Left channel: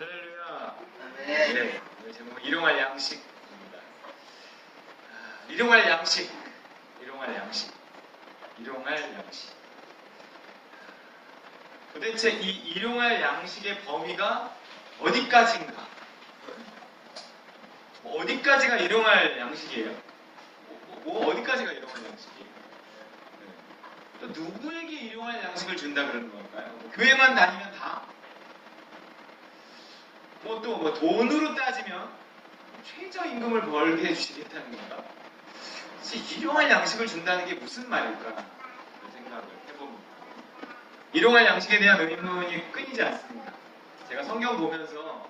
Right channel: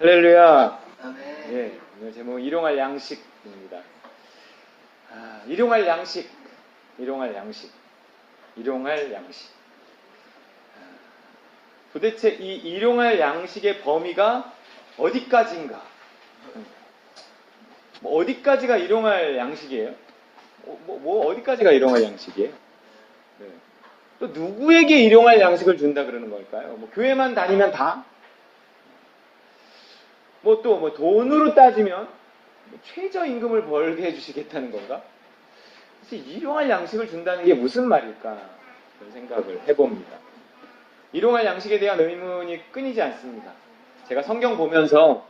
할렐루야. 아멘. 네, 오늘 제목 일용할 양식입니다. 일용할 양식, 일용할 양식, 일용할 양식. 도대체 이 일용할 양식의 범위가 어디까지인가? 뭐 어디까지가 일용할 양식이에요? 어디까지가 일용할 양식이에요? 네. 또 누구에게 일용할 양식을 준다 그러는 걸까요? 뭐 교회만 다니면 다? 뭐 돈으로 따지면 최저임금을 벌게 해주시겠다는 건가? 일용할 양식을 준다는 게 무슨 말일까? 그런 생각을 해봅니다. 일용할 양식에 대한 의문이 끊이지 않습니다. 제가 성경 보면서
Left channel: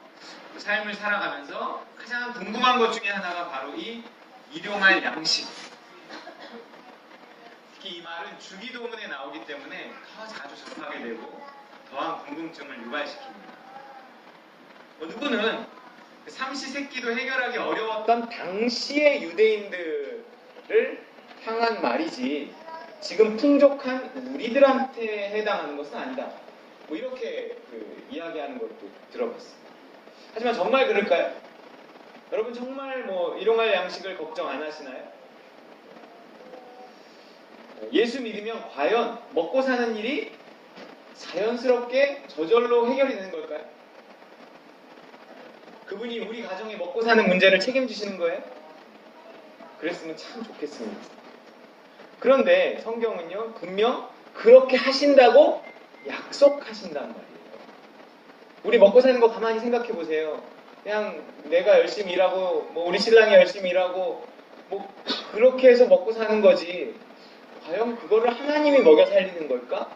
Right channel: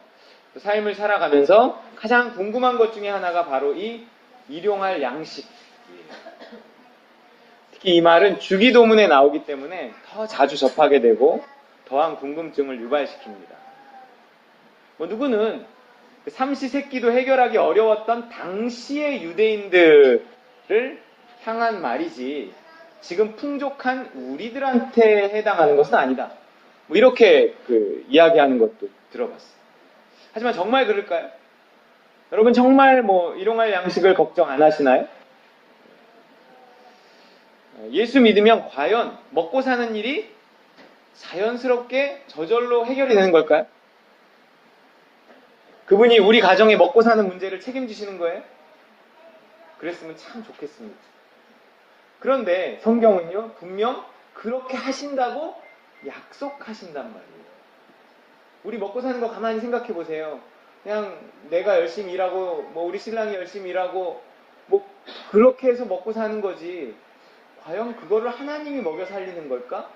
삶을 살아가면서 가장 궁금한 것 중에 하나가 바로 이 일용할 양식. 특히 이 말은 주기도문에 나오기 때문에 더 자주 접하게 되고 더한 궁금증을 유발시킵니다. 누구는 삼시세끼도 해결하기 어려웠던 당시의 유대인들을 향한 말이지 지금 풍족한 우리들한테 해당하는 것은 아니다. 이렇게 이야기하는 것도 들어봤습니다. 하지만 정말 그럴까요? 여러분 정말 일용할 양식을 걱정 안 하시나요? 예수 믿으면 과연 먹고 사는 일이 자연스럽게 저절로 해결이 되는 걸까요? 그분이 우리 가정에 먹고 사는 문제를 책임지시는 거예요? 그랬으면 참 좋겠습니다. 그런데 성경은요, 분명 그렇게 하신다고 약속하신단 말이에요. 우리 먹고 사는 거 가만히 생각해 보세요. 그냥 내가 열심히 일하고, 우리 신랑이 열심히 일하고, 그렇게 해서 먹고 사는 거지. 과연 그거를 하나님이 먹여 살리는 걸까?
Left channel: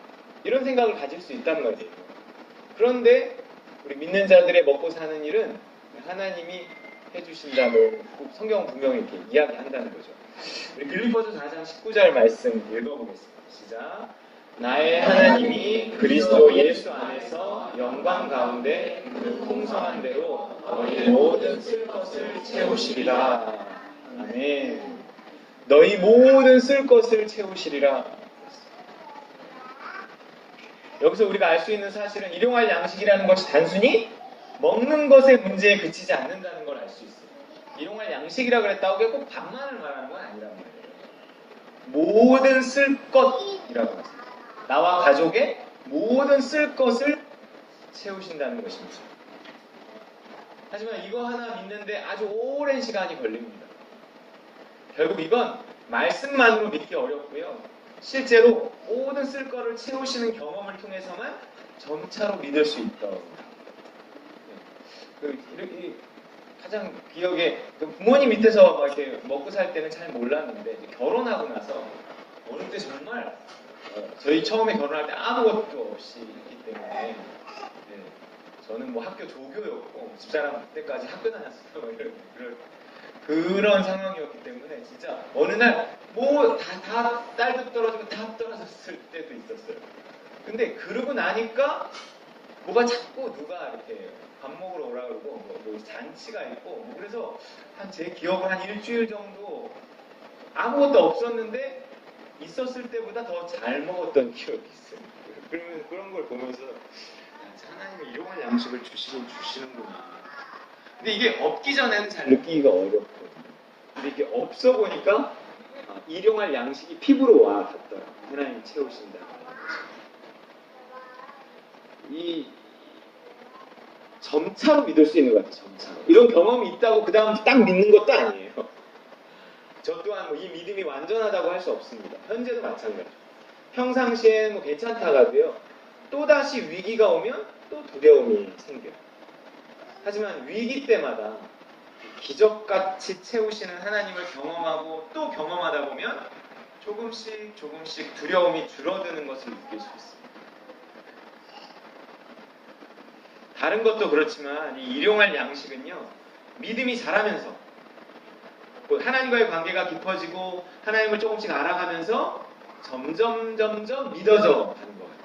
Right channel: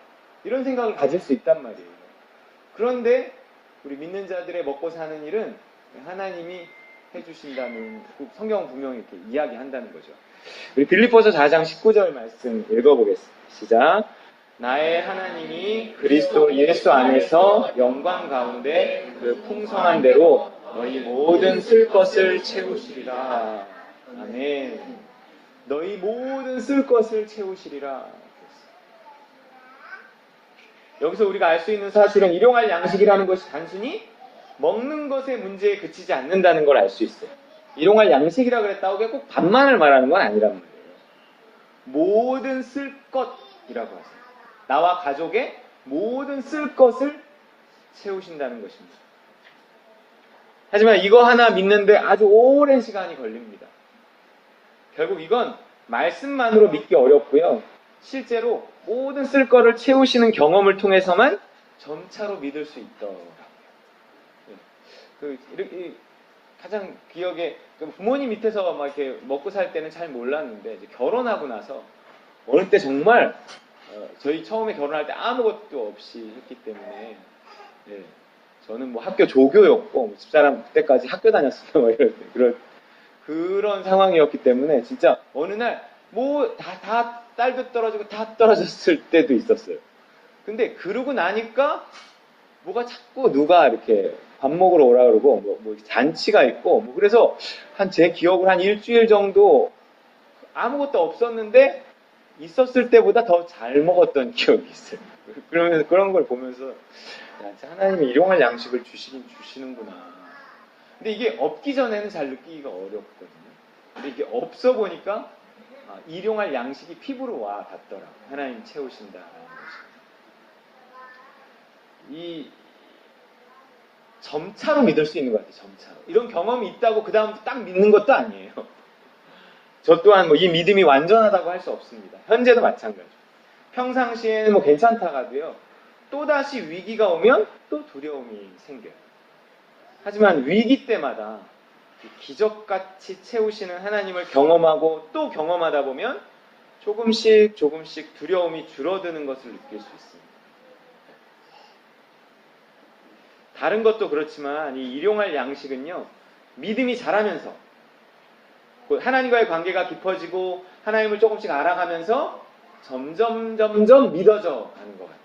이런 생각을 가질 수 있단 말이에요. 그런데 우리 믿는 자들의 먹고 사는 일은 하나님이 해주신다는 성경은 분명히 이렇게 이야기한다는 거죠. 우리 빌립보서 4장 19절 말씀 읽어보겠습니다. 시작. 나의 하나님이 그리스도 예수 안에서 영광 가운데 그 풍성한 대로 너희 모든 쓸 것을 채우시리라. 아멘. 너희 모든 쓸 것을 채우시리라. 여기서 우리가 알 수 있는 사실은 일용할 양식이라는 것이 단순히 먹는 것의 문제에 그치지 않는다는 걸 알 수 있어요. 일용할 양식이라 그랬다고 꼭 밥만을 말하는 건 아니란 말이에요. 모든 쓸 것이라고 하죠. 나와 가족의 모든 쓸 것을 채우신다는 것입니다. 하지만 이거 하나 믿는데 아주 오랜 시간이 걸립니다. 결국 이건 말씀만으로 믿기 어렵고요. 실제로 모든 쓸 것을 채우시는 경험을 통해서만 점차로 믿을 수 있더라고요. 가장 기억에 부모님 밑에서 이렇게 먹고 살 때는 잘 몰랐는데 이제 결혼하고 나서 어릴 때 정말 저희 처음에 결혼할 때 아무것도 없이 했기 때문에 저는 학교 조교였고 집사람 그때까지 학교 다녔어요. 이럴 때 그런 상황이었기 때문에 진짜 어느 날 다 딸도 떨어지고 다 떨어졌을 때도 있었어요. 근데 그러고 나니까 뭐가 자꾸 누가 이렇게 밥 먹으러 오라 그러고 잔치가 있고 그래서 제 기억으로 한 일주일 정도 아무것도 없었는데 있었을 때보다 더 잘 먹었던 기억이 있어요. 그러면서 그런 걸 보면서 하나님이 일용할 양식을 주시는구나. 근데 이게 없기 전에는 잘 느끼기가 어렵거든요. 근데 이게 없어 보니까 일용할 양식이 피부로 와 닿더라고요. 하나님 채우신다. 이 점차로 믿을 수 있는 것 같아요. 점차로. 이런 경험이 있다고 그 다음 딱 믿는 것도 아니에요. 저 또한 이 믿음이 완전하다고 할 수 없습니다. 현재도 마찬가지. 평상시에는 괜찮다가도요. 또다시 위기가 오면 또 두려움이 생겨요. 하지만 위기 때마다 기적같이 채우시는 하나님을 경험하고 또 경험하다 보면 조금씩 두려움이 줄어드는 것을 느낄 수 있습니다. 다른 것도 그렇지만 이 일용할 양식은요, 믿음이 자라면서 하나님과의 관계가 깊어지고 하나님을 조금씩 알아가면서 점점 믿어져 가는 것 같아요.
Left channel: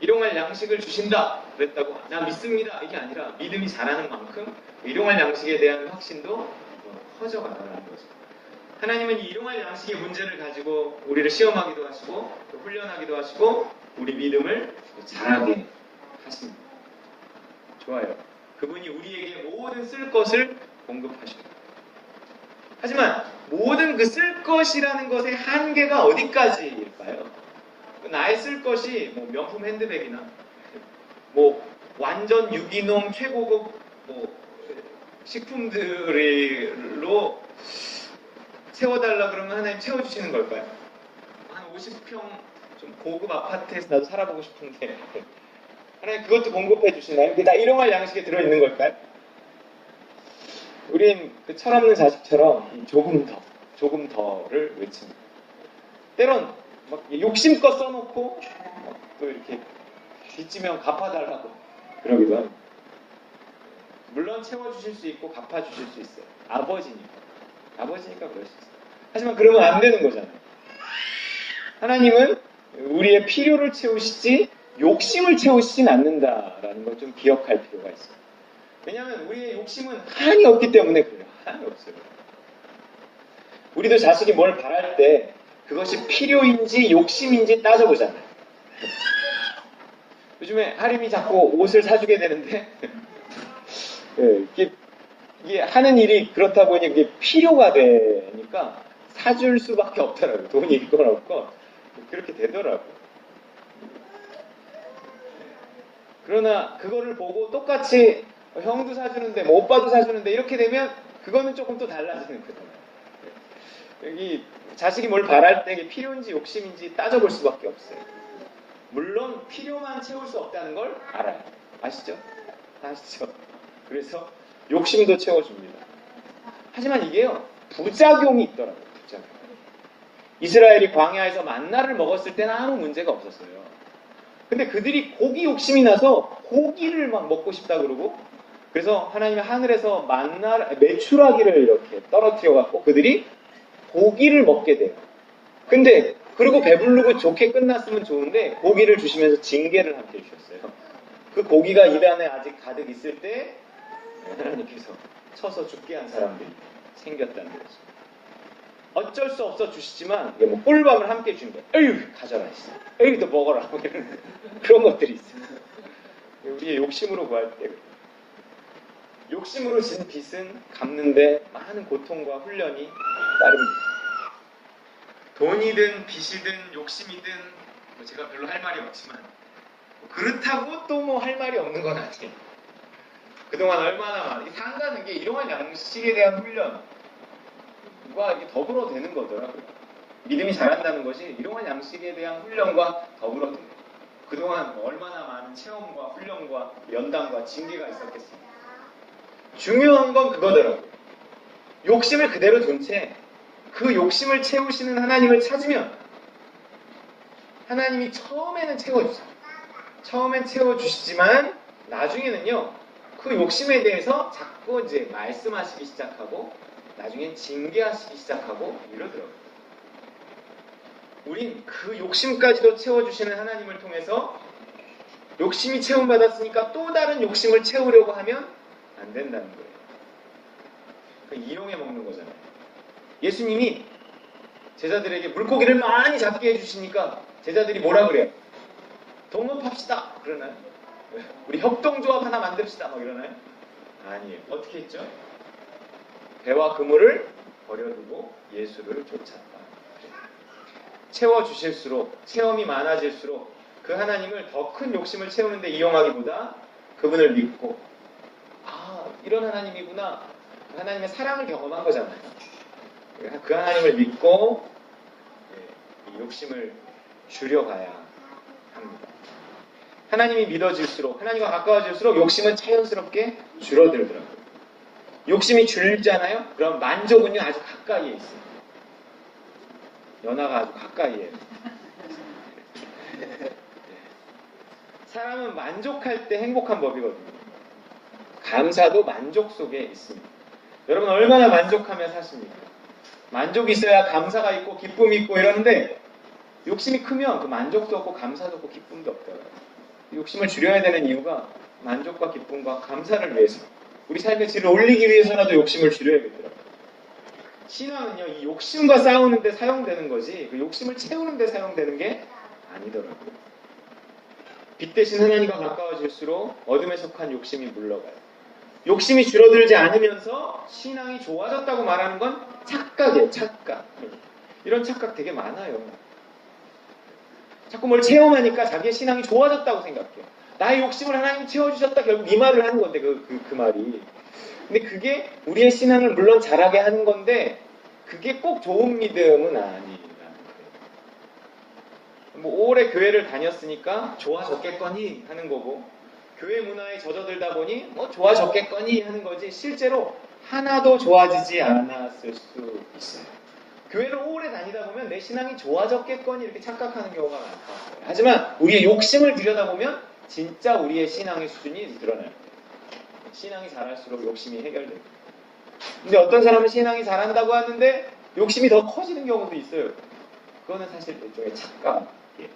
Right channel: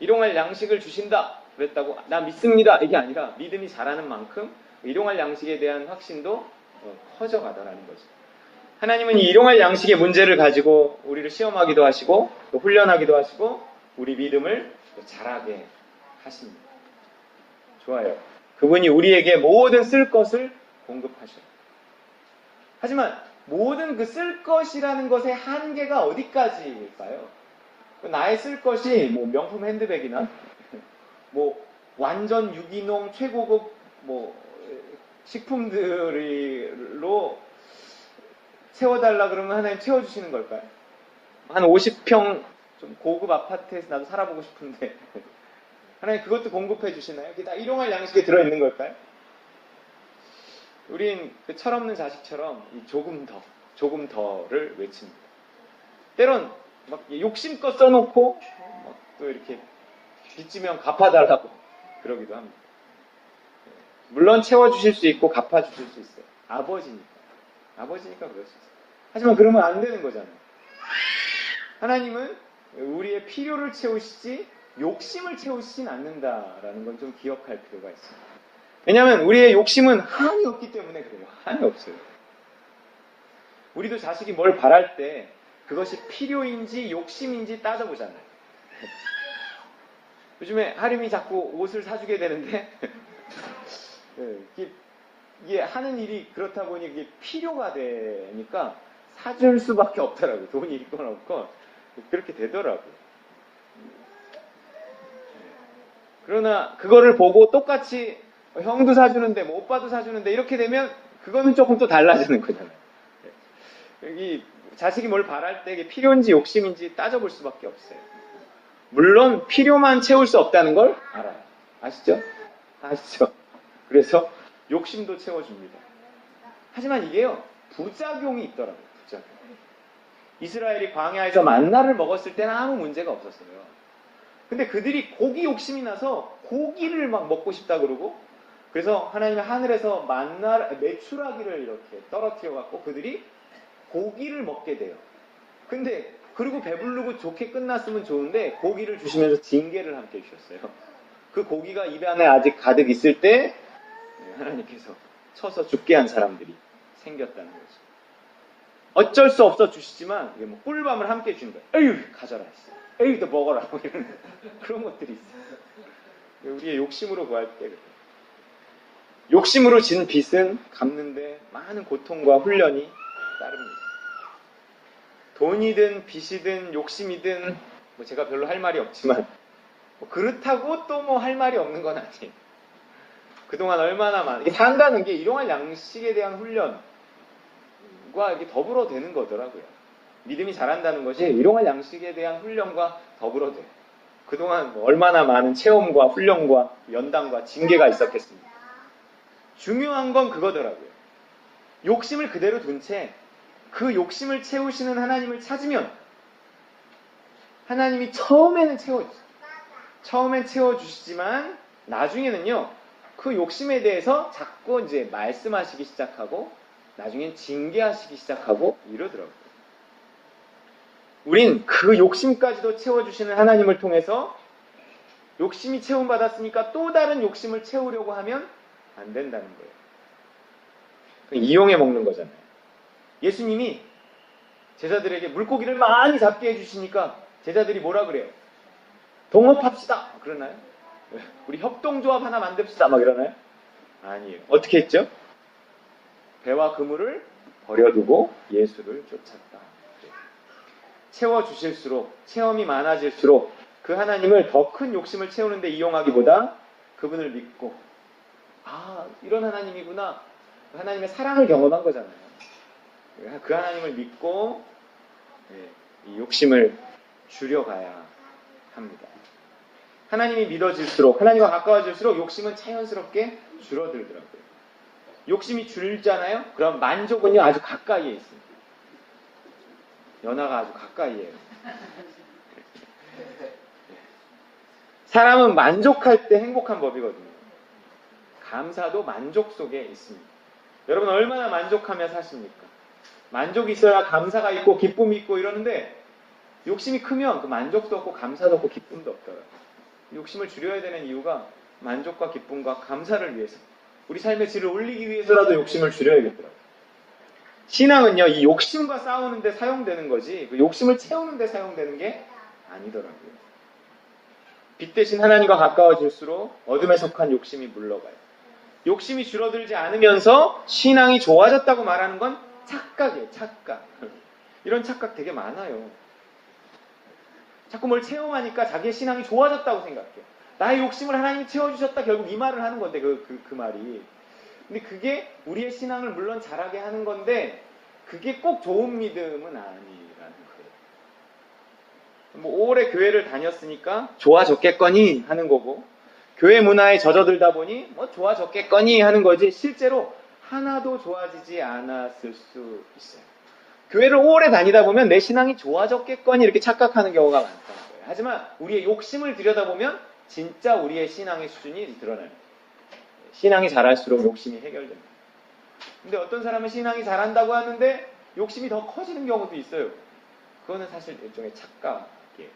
일용할 양식을 주신다 그랬다고 나 믿습니다 이게 아니라 믿음이 자라는 만큼 일용할 양식에 대한 확신도 커져가더라는 거죠. 하나님은 이 일용할 양식의 문제를 가지고 우리를 시험하기도 하시고 또 훈련하기도 하시고 우리 믿음을 자라게 하십니다. 좋아요. 그분이 우리에게 모든 쓸 것을 공급하십니다. 하지만 모든 그 쓸 것이라는 것의 한계가 어디까지일까요? 나의 쓸 것이 뭐 명품 핸드백이나 뭐 완전 유기농 최고급 뭐 식품들로 채워달라 그러면 하나님 채워주시는 걸까요? 한 50평 좀 고급 아파트에서 나도 살아보고 싶은데 하나님 그것도 공급해 주시나요? 그게 다 일용할 양식에 들어있는 걸까요? 우린 그 철없는 자식처럼 조금 더를 외칩니다. 때론 막 욕심껏 써놓고 또 이렇게 빚지면 갚아달라고 그러기도 합니다. 물론 채워주실 수 있고 갚아주실 수 있어요. 아버지니까 그럴 수 있어요. 하지만 그러면 안 되는 거잖아요. 하나님은 우리의 필요를 채우시지 욕심을 채우시진 않는다라는 걸 좀 기억할 필요가 있어요. 왜냐하면 우리의 욕심은 한이 없기 때문에 그래요. 한이 없어요. 우리도 자식이 뭘 바랄 때 그것이 필요인지 욕심인지 따져보잖아요. 요즘에 하림이 자꾸 옷을 사주게 되는데 이게 하는 일이 그렇다 보니 그게 필요가 되니까 사줄 수밖에 없더라고요. 돈이 있건 없건 그렇게 되더라고요. 그러나 그거를 보고 똑같이 형도 사주는데 뭐 오빠도 사주는데 이렇게 되면 그거는 조금 또 달라지는 거잖아요. 여기 자식이 뭘 바랄 때 이게 필요인지 욕심인지 따져볼 수밖에 없어요. 물론 필요만 채울 수 없다는 걸 알아요. 아시죠? 그래서 욕심도 채워줍니다. 하지만 이게요 부작용이 있더라고요. 부작용. 이스라엘이 광야에서 만나를 먹었을 때는 아무 문제가 없었어요. 근데 그들이 고기 욕심이 나서 고기를 막 먹고 싶다 그러고 그래서 하나님이 하늘에서 메추라기를 이렇게 떨어뜨려 갖고 그들이 고기를 먹게 돼요. 근데 그리고 배부르고 좋게 끝났으면 좋은데 고기를 주시면서 징계를 함께 주셨어요. 그 고기가 입 안에 아직 가득 있을 때 하나님께서 쳐서 죽게 한 사람들이 생겼다는 거죠. 어쩔 수 없어 주시지만 이게 뭐 꿀밤을 함께 주는 거예요. 에휴 가져라 했어요. 에휴 너 먹어라. 그런 것들이 있어요. 우리의 욕심으로 구할 때 욕심으로 진 빚은 갚는데 많은 고통과 훈련이 따릅니다. 돈이든 빚이든 욕심이든 뭐 제가 별로 할 말이 없지만 뭐 그렇다고 또 뭐 할 말이 없는 건 아니에요. 그동안 얼마나 많이 산다는 게 일용할 양식에 대한 훈련과 이렇게 더불어 되는 거더라고요. 믿음이 자란다는 것이 일용할 양식에 대한 훈련과 더불어 돼요. 그동안 얼마나 많은 체험과 훈련과 연단과 징계가 있었겠습니까? 중요한 건 그거더라고요. 욕심을 그대로 둔 채 그 욕심을 채우시는 하나님을 찾으면 하나님이 처음에는 채워주세요. 처음엔 채워주시지만 나중에는요 그 욕심에 대해서 자꾸 이제 말씀하시기 시작하고 나중엔 징계하시기 시작하고 이러더라고요. 우린 그 욕심까지도 채워주시는 하나님을 통해서 욕심이 채움받았으니까 또 다른 욕심을 채우려고 하면 안 된다는 거예요. 이용해 먹는 거잖아요. 예수님이 제자들에게 물고기를 많이 잡게 해주시니까 제자들이 뭐라 그래요? 동업합시다. 그러나요? 우리 협동조합 하나 만듭시다. 막 이러나요? 아니에요. 어떻게 했죠? 배와 그물을 버려두고 예수를 쫓았다. 채워주실수록 체험이 많아질수록 그 하나님을 더 큰 욕심을 채우는데 이용하기보다 그분을 믿고 이런 하나님이구나. 하나님의 사랑을 경험한 거잖아요. 그 하나님을 믿고 이 욕심을 줄여가야 합니다. 하나님이 믿어질수록 하나님과 가까워질수록 욕심은 자연스럽게 줄어들더라고요. 욕심이 줄잖아요? 그럼 만족은요 아주 가까이에 있어요. 연하가 아주 가까이에. 사람은 만족할 때 행복한 법이거든요. 감사도 만족 속에 있습니다. 여러분 얼마나 만족하며 사십니까? 만족이 있어야 감사가 있고 기쁨이 있고 이러는데 욕심이 크면 그 만족도 없고 감사도 없고 기쁨도 없더라고요. 욕심을 줄여야 되는 이유가 만족과 기쁨과 감사를 위해서 우리 삶의 질을 올리기 위해서라도 욕심을 줄여야겠더라고요. 신앙은요 이 욕심과 싸우는 데 사용되는 거지 그 욕심을 채우는 데 사용되는 게 아니더라고요. 빛 대신 하나님과 가까워질수록 어둠에 속한 욕심이 물러가요. 욕심이 줄어들지 않으면서 신앙이 좋아졌다고 말하는 건 착각이에요. 착각. 이런 착각 되게 많아요. 자꾸 뭘 체험하니까 자기의 신앙이 좋아졌다고 생각해요. 나의 욕심을 하나님이 채워주셨다. 결국 이 말을 하는 건데 그 말이. 근데 그게 우리의 신앙을 물론 자라게 하는 건데 그게 꼭 좋은 믿음은 아니라는 거예요. 뭐 오래 교회를 다녔으니까 좋아졌겠거니 하는 거고 교회 문화에 젖어들다 보니 뭐 좋아졌겠거니 하는 거지 실제로 하나도 좋아지지 않았을 수 있어요. 교회를 오래 다니다 보면 내 신앙이 좋아졌겠거니 이렇게 착각하는 경우가 많다는 거예요. 하지만 우리의 욕심을 들여다보면 진짜 우리의 신앙의 수준이 드러나요. 신앙이 자랄수록 욕심이 해결됩니다. 근데 어떤 사람은 신앙이 자란다고 하는데 욕심이 더 커지는 경우도 있어요. 그거는 사실 일종의 착각이에요.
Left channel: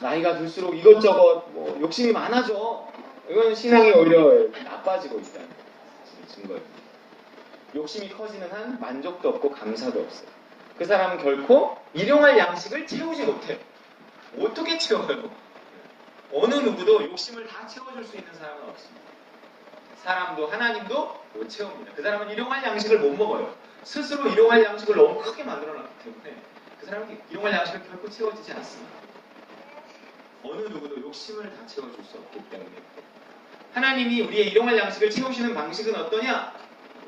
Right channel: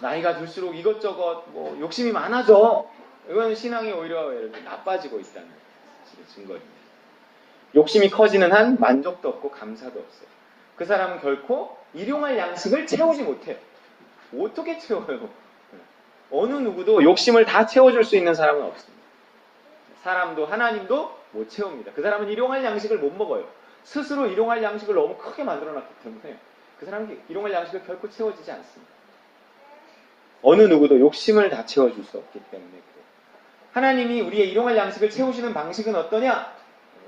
나이가 들수록 이것저것 뭐 욕심이 많아져. 이건 신앙이 오히려 나빠지고 있다는 증거입니다. 욕심이 커지는 한 만족도 없고 감사도 없어요. 그 사람은 결코 일용할 양식을 채우지 못해. 어떻게 채워요? 어느 누구도 욕심을 다 채워줄 수 있는 사람은 없습니다. 사람도 하나님도 못 채웁니다. 그 사람은 일용할 양식을 못 먹어요. 스스로 일용할 양식을 너무 크게 만들어놨기 때문에 그 사람이 일용할 양식을 결코 채워지지 않습니다. 어느 누구도 욕심을 다 채워줄 수 없기 때문에 하나님이 우리의 일용할 양식을 채우시는 방식은 어떠냐?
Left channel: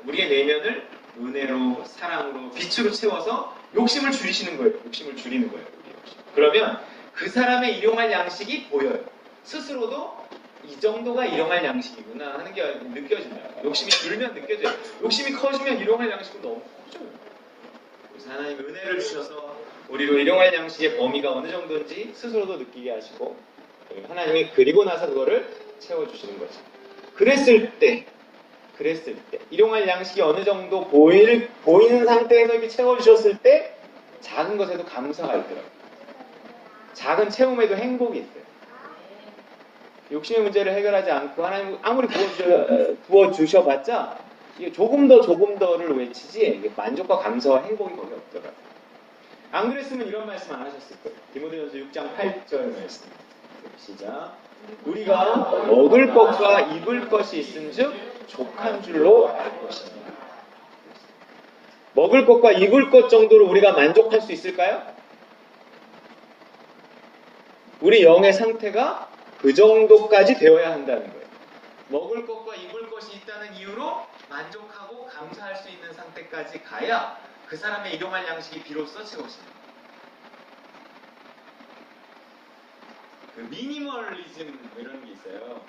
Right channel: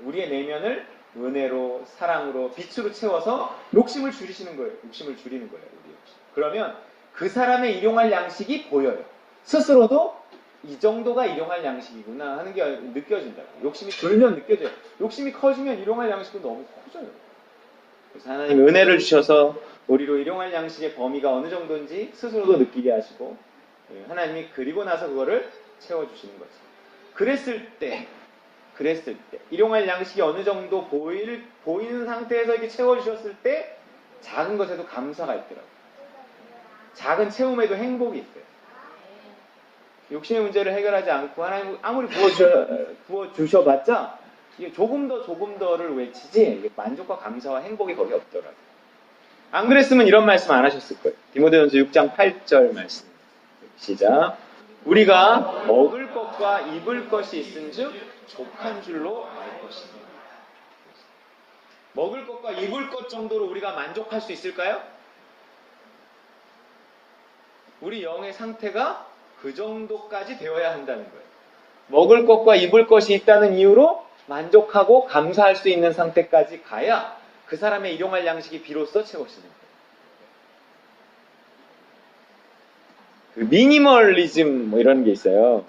우리의 내면을 은혜로, 사랑으로, 빛으로 채워서 욕심을 줄이시는 거예요. 욕심을 줄이는 거예요. 우리의 욕심. 그러면 그 사람의 일용할 양식이 보여요. 스스로도 이 정도가 일용할 양식이구나 하는 게 느껴진다. 욕심이 줄면 느껴져요. 욕심이 커지면 일용할 양식은 너무 커져요. 그래서 하나님 은혜를 주셔서 우리로 일용할 양식의 범위가 어느 정도인지 스스로도 느끼게 하시고 하나님이 그리고 나서 그거를 채워주시는 거죠. 그랬을 때 일용할 양식이 어느 정도 보이는 상태에서 이렇게 채워주셨을 때 작은 것에도 감사가 있더라고요. 작은 채움에도 행복이 있어요. 욕심의 문제를 해결하지 않고 하나님 아무리 부어주셔봤자 이게 조금 더를 외치지 만족과 감사와 행복이 거기 없더라고요. 안 그랬으면 이런 말씀 안 하셨을 거예요. 디모데전서 6장 8절 말씀. 시작. 우리가 먹을 것과 입을 것이 있은즉 족한 줄로 알 것입니다. 먹을 것과 입을 것 정도로 우리가 만족할 수 있을까요? 우리 영의 상태가 그 정도까지 되어야 한다는 거예요. 먹을 것과 입을 것이 있다는 이유로 만족하고 감사할 수 있는 상태까지 가야 그 사람의 일용할 양식이 비로소 채워집니다. 미니멀리즘 뭐 이런 게 있어요.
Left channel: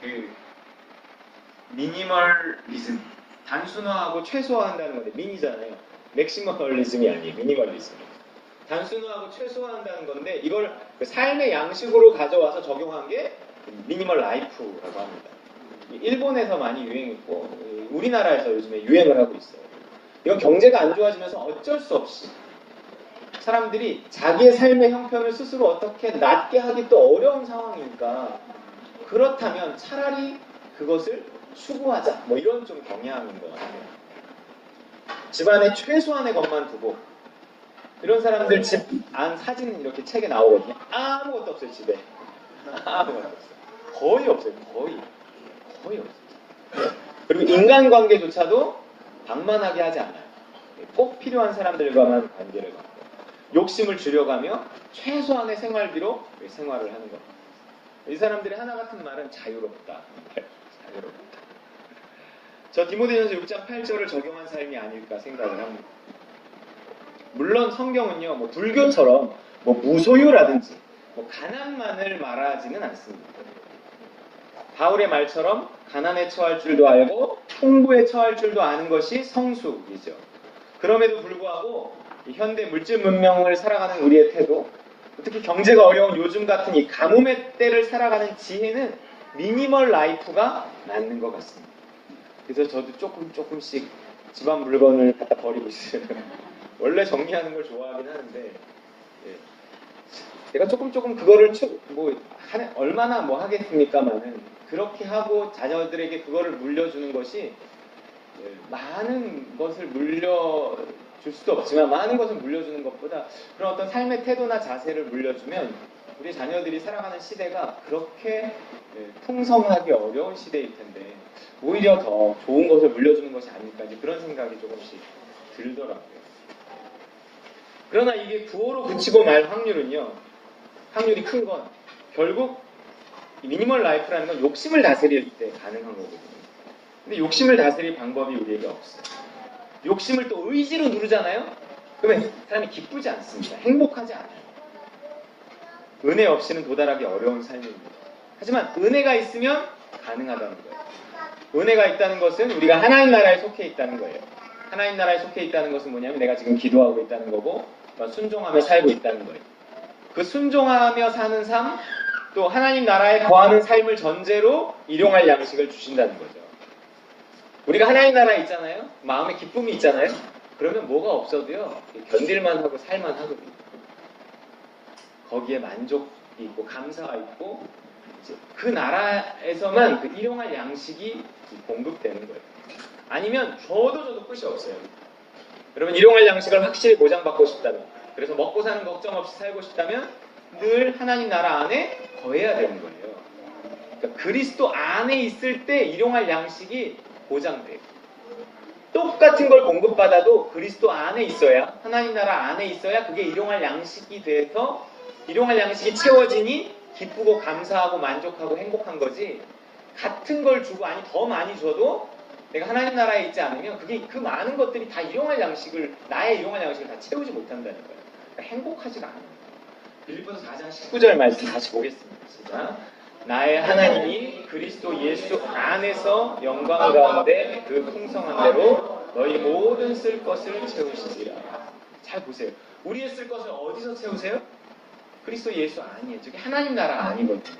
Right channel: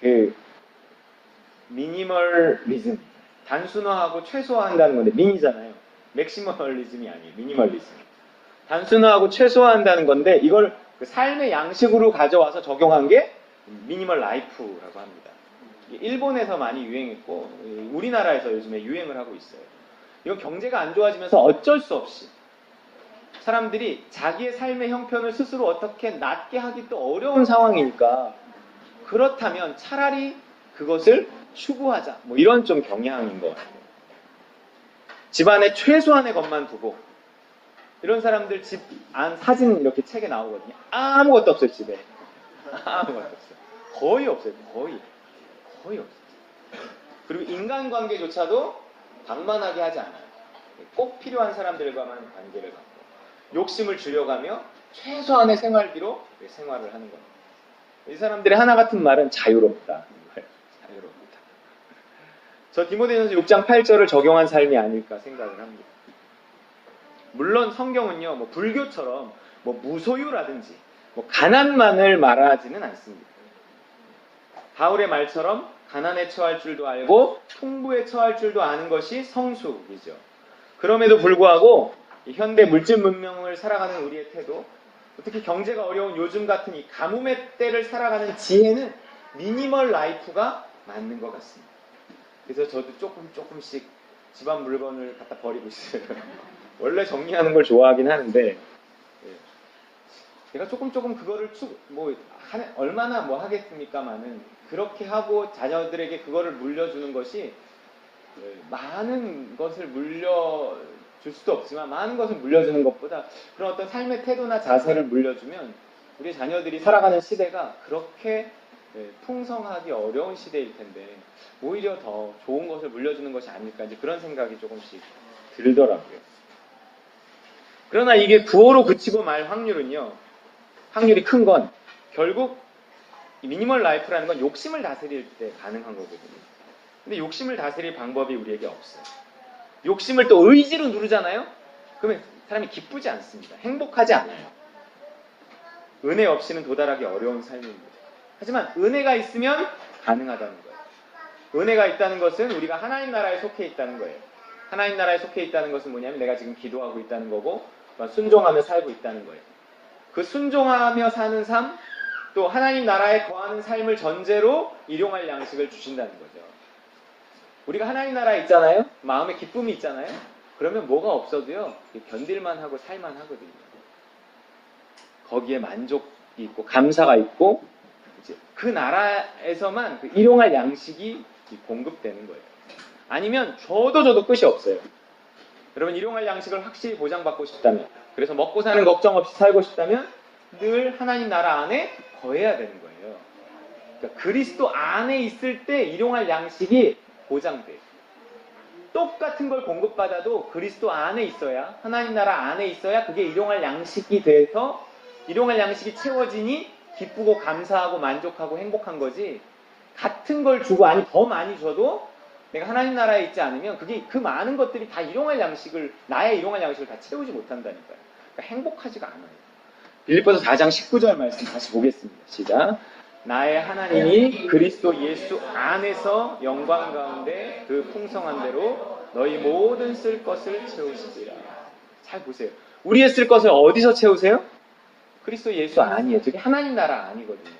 그 미니멀리즘 단순화하고 최소화한다는 건데 미니잖아요. 맥시멀리즘이 아니에요. 미니멀리즘. 단순화하고 최소화한다는 건데 이걸 그 삶의 양식으로 가져와서 적용한 게 미니멀 라이프라고 합니다. 일본에서 많이 유행했고 우리나라에서 요즘에 유행을 하고 있어요. 이건 경제가 안 좋아지면서 어쩔 수 없이 사람들이 자기의 삶의 형편을 스스로 어떻게 낫게 하기 또 어려운 상황일까. 그렇다면 차라리 그것을 추구하자. 뭐 이런 좀 경향인 것 같아요. 집안에 최소한의 것만 두고 이런 사람들 집 안 사진 이렇게 책에 나오거든요. 아무것도 없어요. 집에. 아무것도 없어요. 거의 없어요. 거의 없어요. 그리고 인간관계조차도 방만하게 하지 않아요. 꼭 필요한 사람들과만 관계를 갖고 욕심을 줄여가며 최소한의 생활비로 생활을 하는 겁니다. 이 사람들의 하나 같은 말은 자유롭다. 자유롭다. 저 디모데전서 6장 8절을 적용한 삶이 아닐까 생각을 합니다. 물론 성경은요, 뭐 불교처럼 뭐 무소유라든지 뭐 가난만을 말하지는 않습니다. 바울의 말처럼 가난에 처할 줄도 알고 풍부에 처할 줄도 아는 것이 성숙이죠. 그럼에도 불구하고 현대 물질 문명을 살아가는 우리의 태도, 특히 경제가 어려운 요즘 같은 이 가뭄의 때를 살아가는 지혜는 미니멀 라이프가 맞는 것 같습니다. 그래서 저도 조금씩 집안 물건을 갖다 버리고 있어요. 원래 정리하는 걸 좋아하긴 하는데 제가 조금 그거를 얼마나 뭐 하겠습니까마는 그렇게 하고 자녀들에게 그거를 물려주는 것이 많은 것을 물려주는 줄 수도 없지만 많은 것을 물려주는 것보다 그런 어떤 삶의 태도나 자세를 물려주면 우리 자녀들이 살아가는 시대가 그렇게 풍성하기 어려운 시대일 텐데 오히려 더 좋은 것을 물려주는 것이 아닐까 이제 그런 생각이 조금씩 들더라고요. 그러나 이게 부호로 그치고 말 확률이 큰 건 결국 미니멀 라이프라는 건 욕심을 다스릴 때 가능한 거거든요. 근데 욕심을 다스릴 방법이 우리에게 없어요. 욕심을 또 의지로 누르잖아요? 그러면 사람이 기쁘지 않습니다. 행복하지 않아요. 은혜 없이는 도달하기 어려운 삶입니다. 하지만 은혜가 있으면 가능하다는 거예요. 은혜가 있다는 것은 우리가 하나님 나라에 속해 있다는 거예요. 하나님 나라에 속해 있다는 것은 뭐냐면 내가 지금 기도하고 있다는 거고 순종하며 살고 있다는 거예요. 그 순종하며 사는 삶, 또 하나님 나라에 거하는 삶을 전제로 일용할 양식을 주신다는 거죠. 우리가 하나님 나라에 있잖아요. 마음에 기쁨이 있잖아요. 그러면 뭐가 없어도요. 견딜만 하고 살만 하거든요. 거기에 만족이 있고 감사가 있고 그 나라에서만 그 일용할 양식이 공급되는 거예요. 아니면 줘도 끝이 없어요. 여러분 일용할 양식을 확실히 보장받고 싶다면 그래서 먹고 사는 걱정 없이 살고 싶다면 늘 하나님 나라 안에 거해야 되는 거예요. 그러니까 그리스도 안에 있을 때 일용할 양식이 보장돼요. 똑같은 걸 공급받아도 그리스도 안에 있어야 하나님 나라 안에 있어야 그게 일용할 양식이 돼서 일용할 양식이 채워지니 기쁘고 감사하고 만족하고 행복한 거지 같은 걸 주고 아니 더 많이 줘도 내가 하나님 나라에 있지 않으면 그게 그 많은 것들이 다 일용할 양식을 나의 일용할 양식을 다 채우지 못한다는 거예요. 그러니까 행복하지가 않아요. 빌립보서 4장 19절 말씀 다시 보겠습니다. 시작. 나의 하나님이 그리스도 예수 안에서 영광 가운데 그 풍성한 대로 너희 모든 쓸 것을 채우시리라. 잘 보세요. 우리의 쓸 것을 어디서 채우세요? 그리스도 예수 안이에요. 저게 하나님 나라 아니거든요.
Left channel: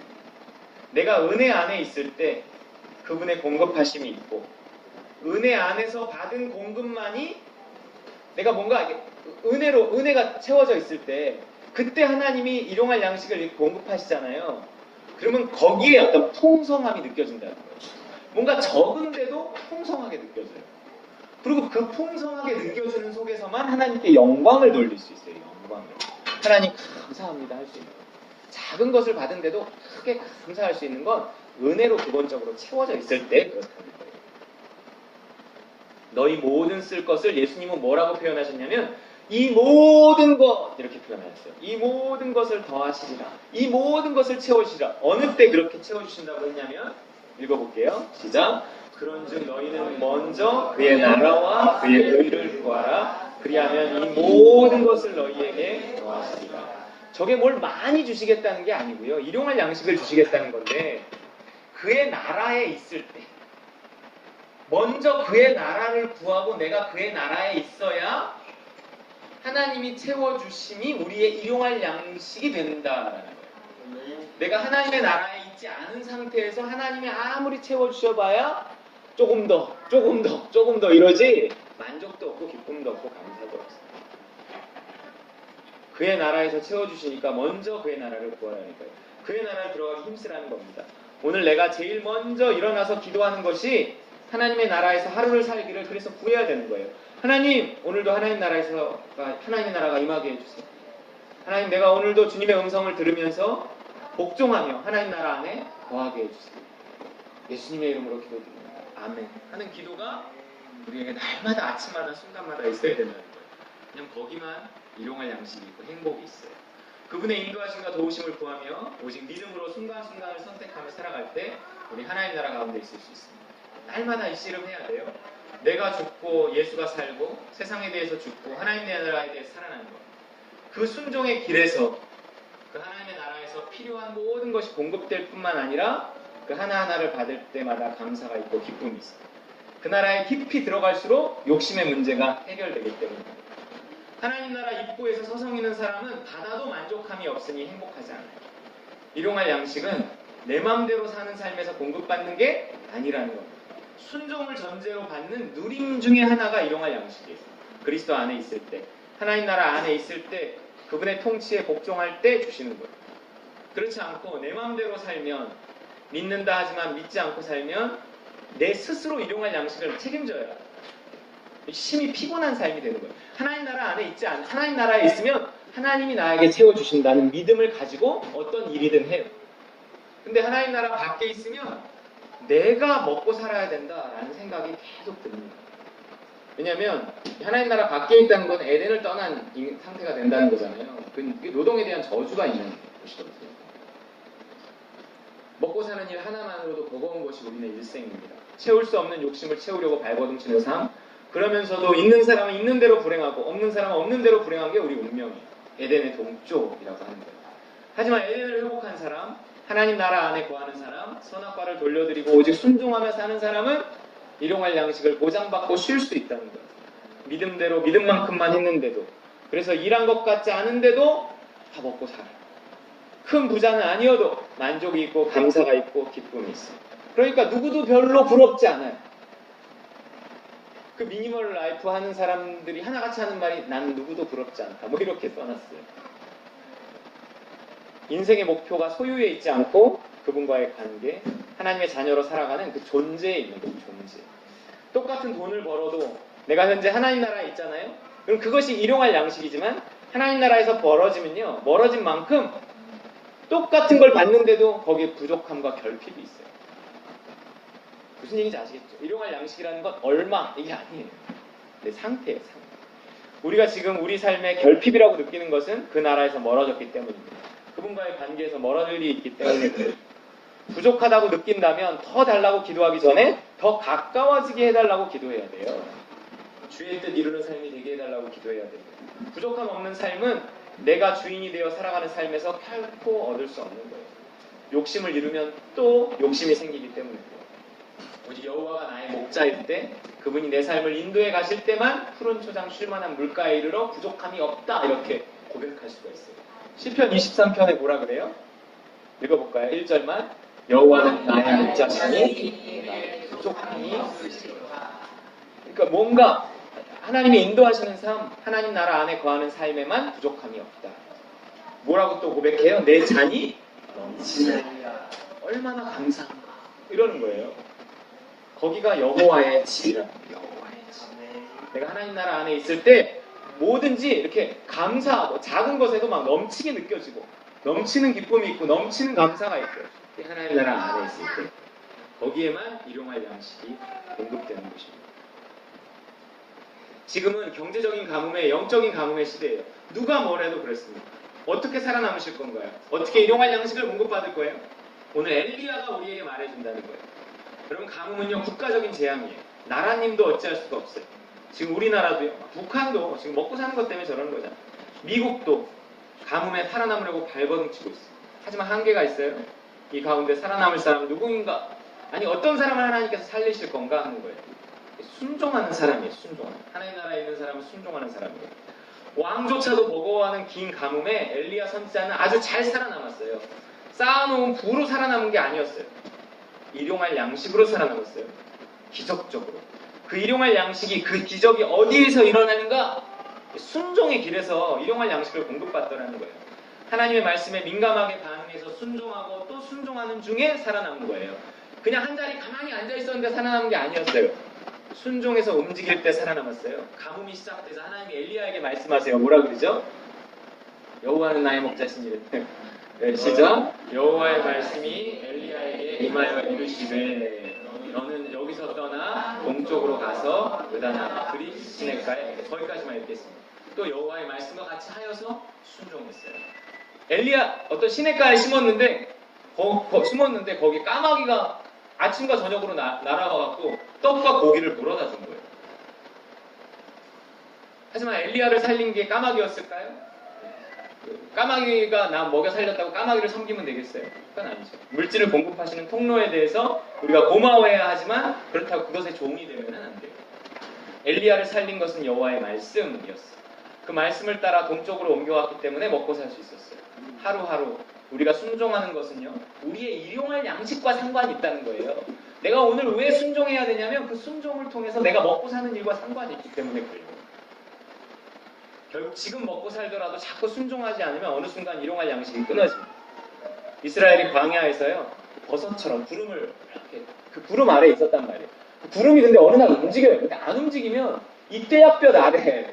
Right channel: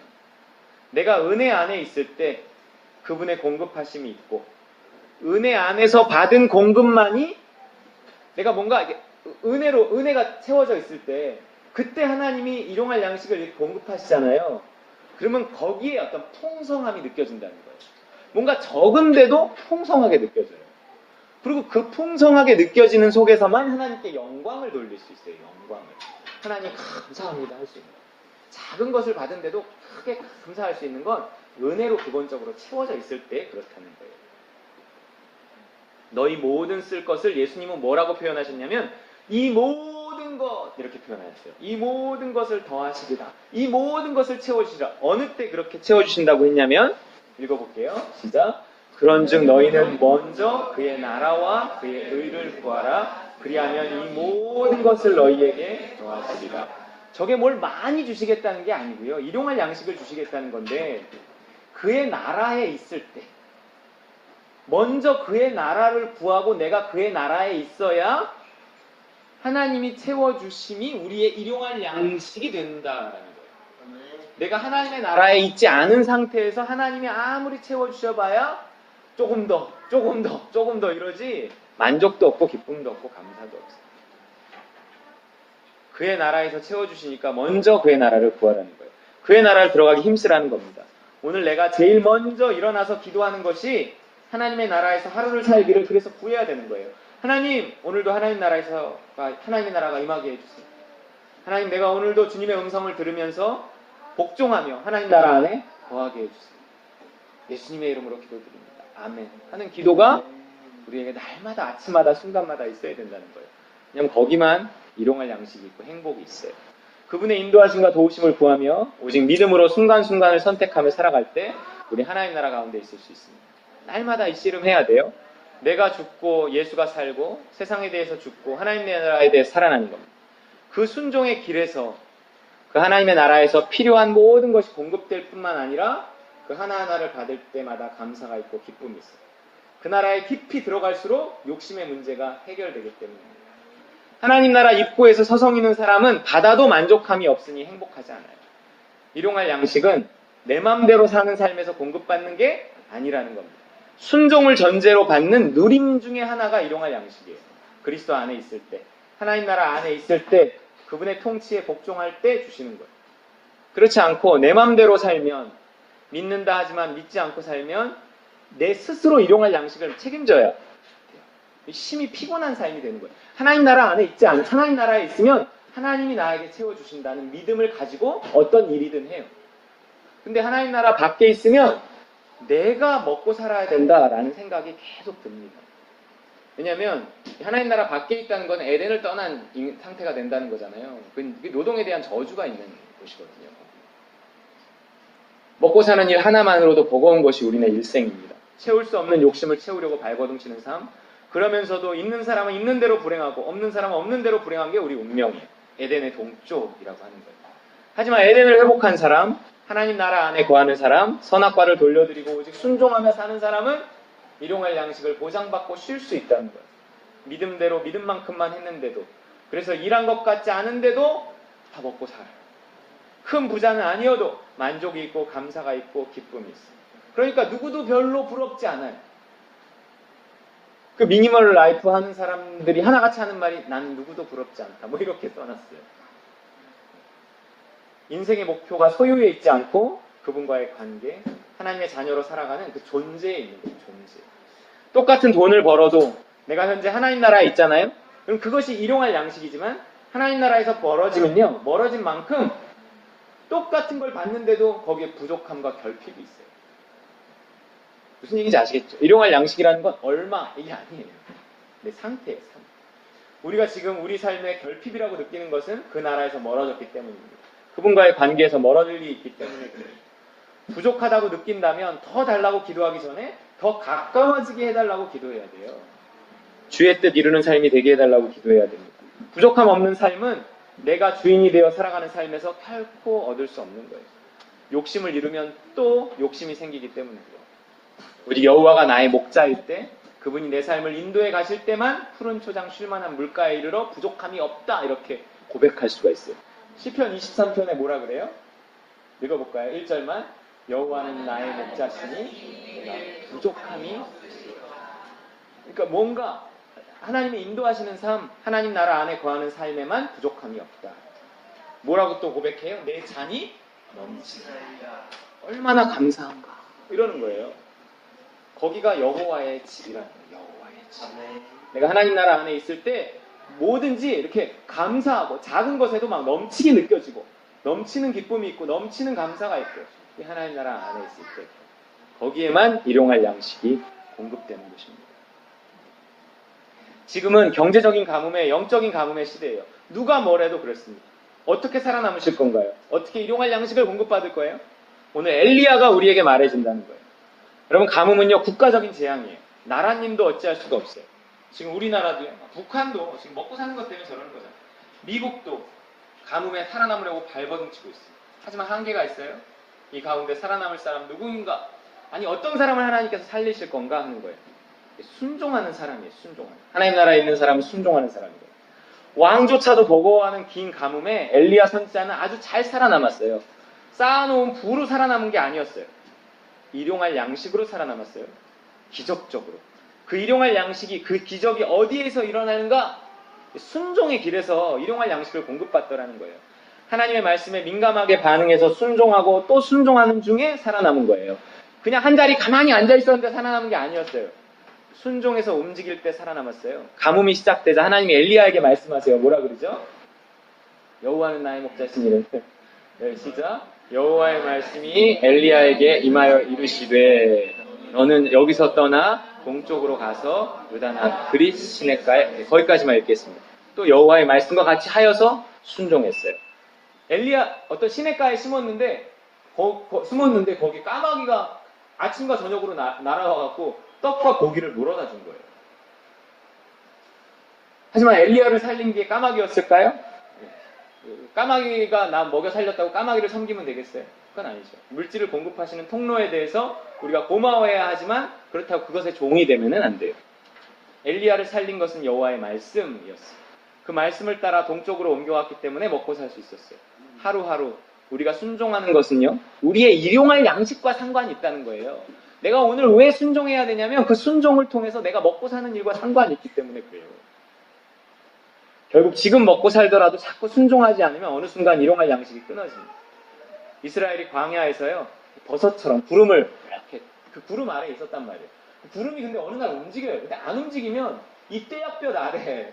내가 은혜 안에 있을 때 그분의 공급하심이 있고 은혜 안에서 받은 공급만이 내가 뭔가 은혜가 채워져 있을 때 그때 하나님이 일용할 양식을 이렇게 공급하시잖아요. 그러면 거기에 어떤 풍성함이 느껴진다는 거예요. 뭔가 적은데도 풍성하게 느껴져요. 그리고 그 풍성하게 느껴지는 속에서만 하나님께 영광을 돌릴 수 있어요. 영광을. 하나님 감사합니다 할 수 있는 거예요. 작은 것을 받은데도 크게 감사할 수 있는 건 은혜로 기본적으로 채워져 있을 때 그렇다는 거예요. 너희 모든 쓸 것을 예수님은 뭐라고 표현하셨냐면 이 모든 것 이렇게 표현하셨어요. 이 모든 것을 더하시리라. 이 모든 것을 채워주시라. 어느 때 그렇게 채워주신다고 했냐면 읽어볼게요. 시작. 그런즉 너희는 먼저 그의 나라와 그의 의를 구하라. 그리하면 이 모든 것을 너희에게 더하시리라. 저게 뭘 많이 주시겠다는 게 아니고요. 일용할 양식을 주시겠다는 건데 그의 나라에 있을 때 먼저 그의 나라를 구하고 내가 그의 나라에 있어야 하나님이 채워주심이 우리의 일용할 양식이 된다라는 거예요. 내가 하나님의 나라에 있지 않은 상태에서 하나님이 아무리 채워주셔봐야 조금 더 이러지 만족도 없고 기쁨도 없고 감사도 없어요. 그의 나라에서 채워주시니까 먼저 그의 나라를 구하라는 거예요. 그의 나라를 들어가기 힘쓰라는 겁니다. 오늘 내가 제일 먼저 일어나서 기도하는 것이 하나님의 나라에서 하루를 살기를 그래서 구해야 되는 거예요. 하나님, 오늘도 하나님의 나라가 임하게 해주세요. 하나님, 내가 오늘도 주님의 음성을 들으면서 복종하며 하나님 나라 안에 거하게 해주세요. 예수님의 이름으로 기도드립니다. 아멘. 하는 기도가 우리에게 날마다 아침마다 순간마다 있어야 된다는 거예요. 왜냐하면 거기만 일용할 양식이 있고 행복이 있어요. 그분의 인도하심과 도우심을 구하며 오직 믿음으로 순간순간을 선택하며 살아갈 때 우리 하나님 나라 가운데 있을 수 있습니다. 날마다 이 씨름해야 돼요. 내가 죽고 예수가 살고 세상에 대해서 죽고 하나님의 나라에 대해서 살아나는 겁니다. 그 순종의 길에서 그 하나님의 나라에서 필요한 모든 것이 공급될 뿐만 아니라 그 하나하나를 받을 때마다 감사가 있고 기쁨이 있어요. 그 나라에 깊이 들어갈수록 욕심의 문제가 해결되기 때문입니다. 하나님 나라 입구에서 서성이는 사람은 받아도 만족함이 없으니 행복하지 않아요. 일용할 양식은 내 마음대로 사는 삶에서 공급받는 게 아니라는 겁니다. 순종을 전제로 받는 누림 중에 하나가 일용할 양식이에요. 그리스도 안에 있을 때, 하나님 나라 안에 있을 때, 그분의 통치에 복종할 때 주시는 거예요. 그렇지 않고 내 마음대로 살면, 믿는다 하지만 믿지 않고 살면 내 스스로 일용할 양식을 책임져야 해요. 심히 피곤한 삶이 되는 거예요. 하나님 나라 안에 있지 않, 하나님 나라에 있으면 하나님이 나에게 채워주신다는 믿음을 가지고 어떤 일이든 해요. 근데 하나님 나라 밖에 있으면 내가 먹고 살아야 된다라는 생각이 계속 듭니다. 왜냐하면 하나님 나라 밖에 있다는 건 에덴을 떠난 상태가 된다는 거잖아요. 그 노동에 대한 저주가 있는 것이거든요. 먹고 사는 일 하나만으로도 버거운 것이 우리네 일생입니다. 채울 수 없는 욕심을 채우려고 발버둥치는 삶, 그러면서도 있는 사람은 있는 대로 불행하고 없는 사람은 없는 대로 불행한 게 우리 운명이에요. 에덴의 동쪽이라고 하는 거예요. 하지만 에덴을 회복한 사람, 하나님 나라 안에 거하는 사람, 선악과를 돌려드리고 오직 순종하며 사는 사람은 일용할 양식을 보장받고 쉴 수 있다는 거예요. 믿음대로 믿음만큼만 했는데도, 그래서 일한 것 같지 않은데도 다 먹고 살아. 큰 부자는 아니어도 만족이 있고 감사가 있고 기쁨이 있어요. 그러니까 누구도 별로 부럽지 않아요. 그 미니멀 라이프 하는 사람들이 하나같이 하는 말이 난 누구도 부럽지 않다. 뭐 이렇게 써놨어요. 인생의 목표가 소유에 있지 않고 그분과의 관계, 하나님의 자녀로 살아가는 그 존재에 있는 거죠. 존재. 똑같은 돈을 벌어도 내가 현재 하나님 나라에 있잖아요. 그럼 그것이 일용할 양식이지만 하나님 나라에서 멀어지면요. 멀어진 만큼 똑같은 걸 받는데도 거기에 부족함과 결핍이 있어요. 무슨 얘기인지 아시겠죠? 일용할 양식이라는 건 얼마 이게 아니에요. 내 상태예요. 상태. 우리가 지금 우리 삶의 결핍이라고 느끼는 것은 그 나라에서 멀어졌기 때문입니다. 그분과의 관계에서 멀어질 일이 있기 때문에 그래요. 부족하다고 느낀다면 더 달라고 기도하기 전에 더 가까워지게 해달라고 기도해야 돼요. 주의 뜻 이루는 삶이 되게 해달라고 기도해야 됩니다. 부족함 없는 삶은 내가 주인이 되어 살아가는 삶에서 결코 얻을 수 없는 거예요. 욕심을 이루면 또 욕심이 생기기 때문이고요. 오직 여호와가 나의 목자일 때, 그분이 내 삶을 인도해 가실 때만 푸른 초장 쉴만한 물가에 이르러 부족함이 없다 이렇게 고백할 수가 있어요. 시편 23편에 뭐라 그래요? 읽어볼까요? 1절만. 여호와는 나의 목자시니 부족함이 없으시리라. 그러니까 뭔가 하나님이 인도하시는 삶, 하나님 나라 안에 거하는 삶에만 부족함이 없다. 뭐라고 또 고백해요? 내 잔이 넘치나이다. 얼마나 감사한가. 이러는 거예요. 거기가 여호와의 집이라는 거예요. 여호와의 집. 내가 하나님 나라 안에 있을 때 뭐든지 이렇게 감사하고 작은 것에도 막 넘치게 느껴지고 넘치는 기쁨이 있고 넘치는 감사가 있고 하나님 나라 안에 있을 때 거기에만 일용할 양식이 공급되는 것입니다. 지금은 경제적인 가뭄에 영적인 가뭄의 시대예요. 누가 뭐래도 그랬습니다. 어떻게 살아남으실 건가요? 어떻게 일용할 양식을 공급받을 거예요? 오늘 엘리야가 우리에게 말해준다는 거예요. 여러분 가뭄은요 국가적인 재앙이에요. 나라님도 어찌할 수가 없어요. 지금 우리나라도요. 북한도 지금 먹고 사는 것 때문에 저러는 거잖아요. 미국도 가뭄에 살아남으려고 발버둥치고 있어요. 하지만 한계가 있어요. 이 가운데 살아남을 사람 누구인가? 아니 어떤 사람을 하나님께서 살리실 건가 하는 거예요. 순종하는 사람이에요. 순종하는. 하나님 나라에 있는 사람은 순종하는 사람이에요. 왕조차도 버거워하는 긴 가뭄에 엘리야 선지자는 아주 잘 살아남았어요. 쌓아놓은 부로 살아남은 게 아니었어요. 일용할 양식으로 살아남았어요. 기적적으로. 그 일용할 양식이, 그 기적이 어디에서 일어나는가? 순종의 길에서 일용할 양식을 공급받더라는 거예요. 하나님의 말씀에 민감하게 반응해서 순종하고 또 순종하는 중에 살아남은 거예요. 그냥 한 자리 가만히 앉아있었는데 살아남은 게 아니었어요. 순종해서 움직일 때 살아남았어요. 가뭄이 시작되자 하나님이 엘리야에게 말씀하세요. 뭐라 그러죠? 여호와는 나의 목자시니. 시작. 여호와의 말씀이 엘리야에게 임하여 이르시되 너는 여기서 떠나 동쪽으로 가서 요단 그릿 시냇가에, 거기까지만 읽겠습니다. 또 여호와의 말씀과 같이 하여서 순종했어요. 엘리야 어떤 시냇가에 숨었는데 거기 까마귀가 아침과 저녁으로 날아와갖고 떡과 고기를 물어다 준 거예요. 하지만 엘리야를 살린 게 까마귀였을까요? 까마귀가 나 먹여 살렸다고 까마귀를 섬기면 되겠어요? 그건 아니죠. 물질을 공급하시는 통로에 대해서 우리가 고마워해야 하지만 그렇다고 그것의 종이 되면은 안 돼요. 엘리야를 살린 것은 여호와의 말씀이었어요. 그 말씀을 따라 동쪽으로 옮겨왔기 때문에 먹고 살 수 있었어요. 하루하루 우리가 순종하는 것은요, 우리의 일용할 양식과 상관이 있다는 거예요. 내가 오늘 왜 순종해야 되냐면 그 순종을 통해서 내가 먹고 사는 일과 상관이 있기 때문에 그래요. 결국 지금 먹고 살더라도 자꾸 순종하지 않으면 어느 순간 일용할 양식이 끊어집니다. 이스라엘이 광야에서요, 버섯처럼 구름을 이렇게 그 구름 아래에 있었단 말이에요. 그 구름이 근데 어느 날 움직여요. 근데 안 움직이면 이 떼약볕 아래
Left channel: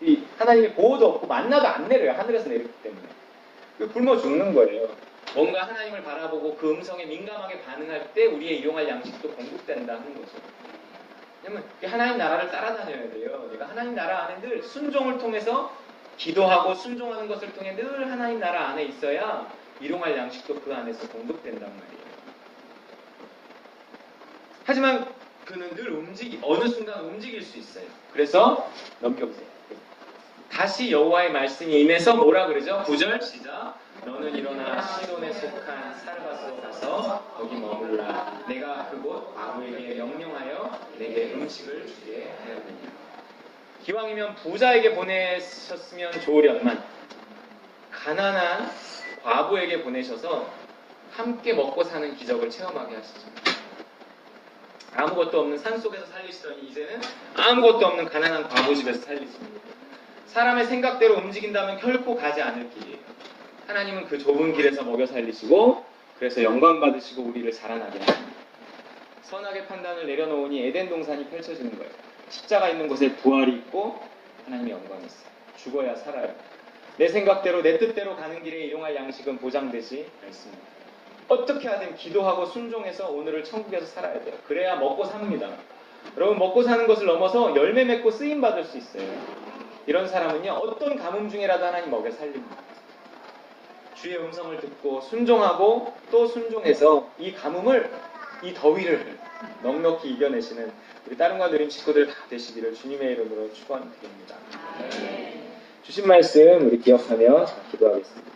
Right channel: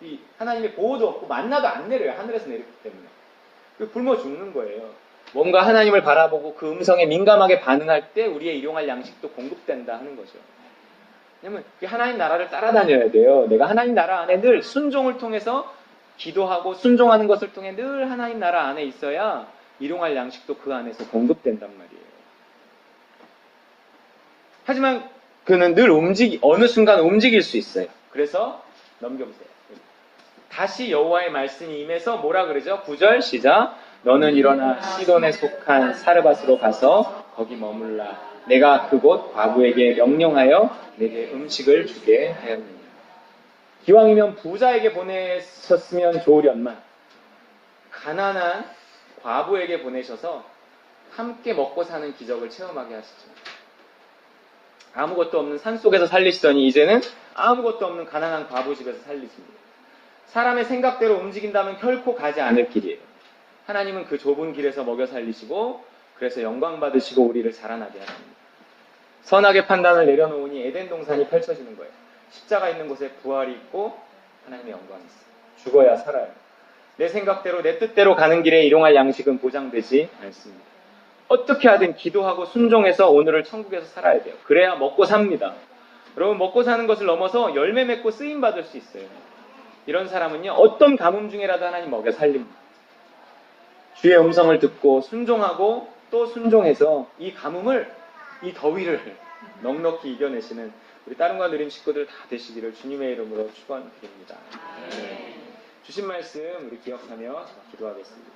이 하나님의 보호도 없고 만나도 안 내려요. 하늘에서 내리기 때문에 굶어 죽는 거예요. 뭔가 하나님을 바라보고 그 음성에 민감하게 반응할 때 우리의 일용할 양식도 공급된다 하는 거죠. 왜냐면 하나님 나라를 따라다녀야 돼요. 내가 하나님 나라 안에 늘 순종을 통해서 기도하고 순종하는 것을 통해 늘 하나님 나라 안에 있어야 일용할 양식도 그 안에서 공급된단 말이에요. 하지만 그는 늘 어느 순간 움직일 수 있어요. 그래서 넘겨보세요. 다시 여호와의 말씀이 임해서 뭐라 그러죠? 9절 시작. 너는 일어나 시돈에 속한 사르밧으로 가서 거기 머물라. 내가 그곳 과부에게 명령하여 내게 음식을 주게 하였느니. 기왕이면 부자에게 보내셨으면 좋으련만 가난한 과부에게 보내셔서 함께 먹고 사는 기적을 체험하게 하시죠. 아무것도 없는 산속에서 살리시더니 이제는 아무것도 없는 가난한 과부 집에서 살리십니다. 사람의 생각대로 움직인다면 결코 가지 않을 길이에요. 하나님은 그 좁은 길에서 먹여 살리시고 그래서 영광 받으시고 우리를 자라나게 하십니다. 선악의 판단을 내려놓으니 에덴 동산이 펼쳐지는 거예요. 십자가 있는 곳에 부활이 있고 하나님의 영광이 있어요. 죽어야 살아요. 내 생각대로 내 뜻대로 가는 길에 일용할 양식은 보장되지 않습니다. 어떻게 하든 기도하고 순종해서 오늘을 천국에서 살아야 돼요. 그래야 먹고 삽니다. 여러분 먹고 사는 것을 넘어서 열매 맺고 쓰임 받을 수 있어요. 이런 사람은요 어떤 가뭄 중에라도 하나님 먹여 살립니다. 주의 음성을 듣고 순종하고 또 순종해서 이 가뭄을 이 더위를 넉넉히 이겨내시는 우리 따릉과 누림 식구들 다 되시기를 주님의 이름으로 축원드립니다. 주신 말씀 우리 기억하며 기도하겠습니다.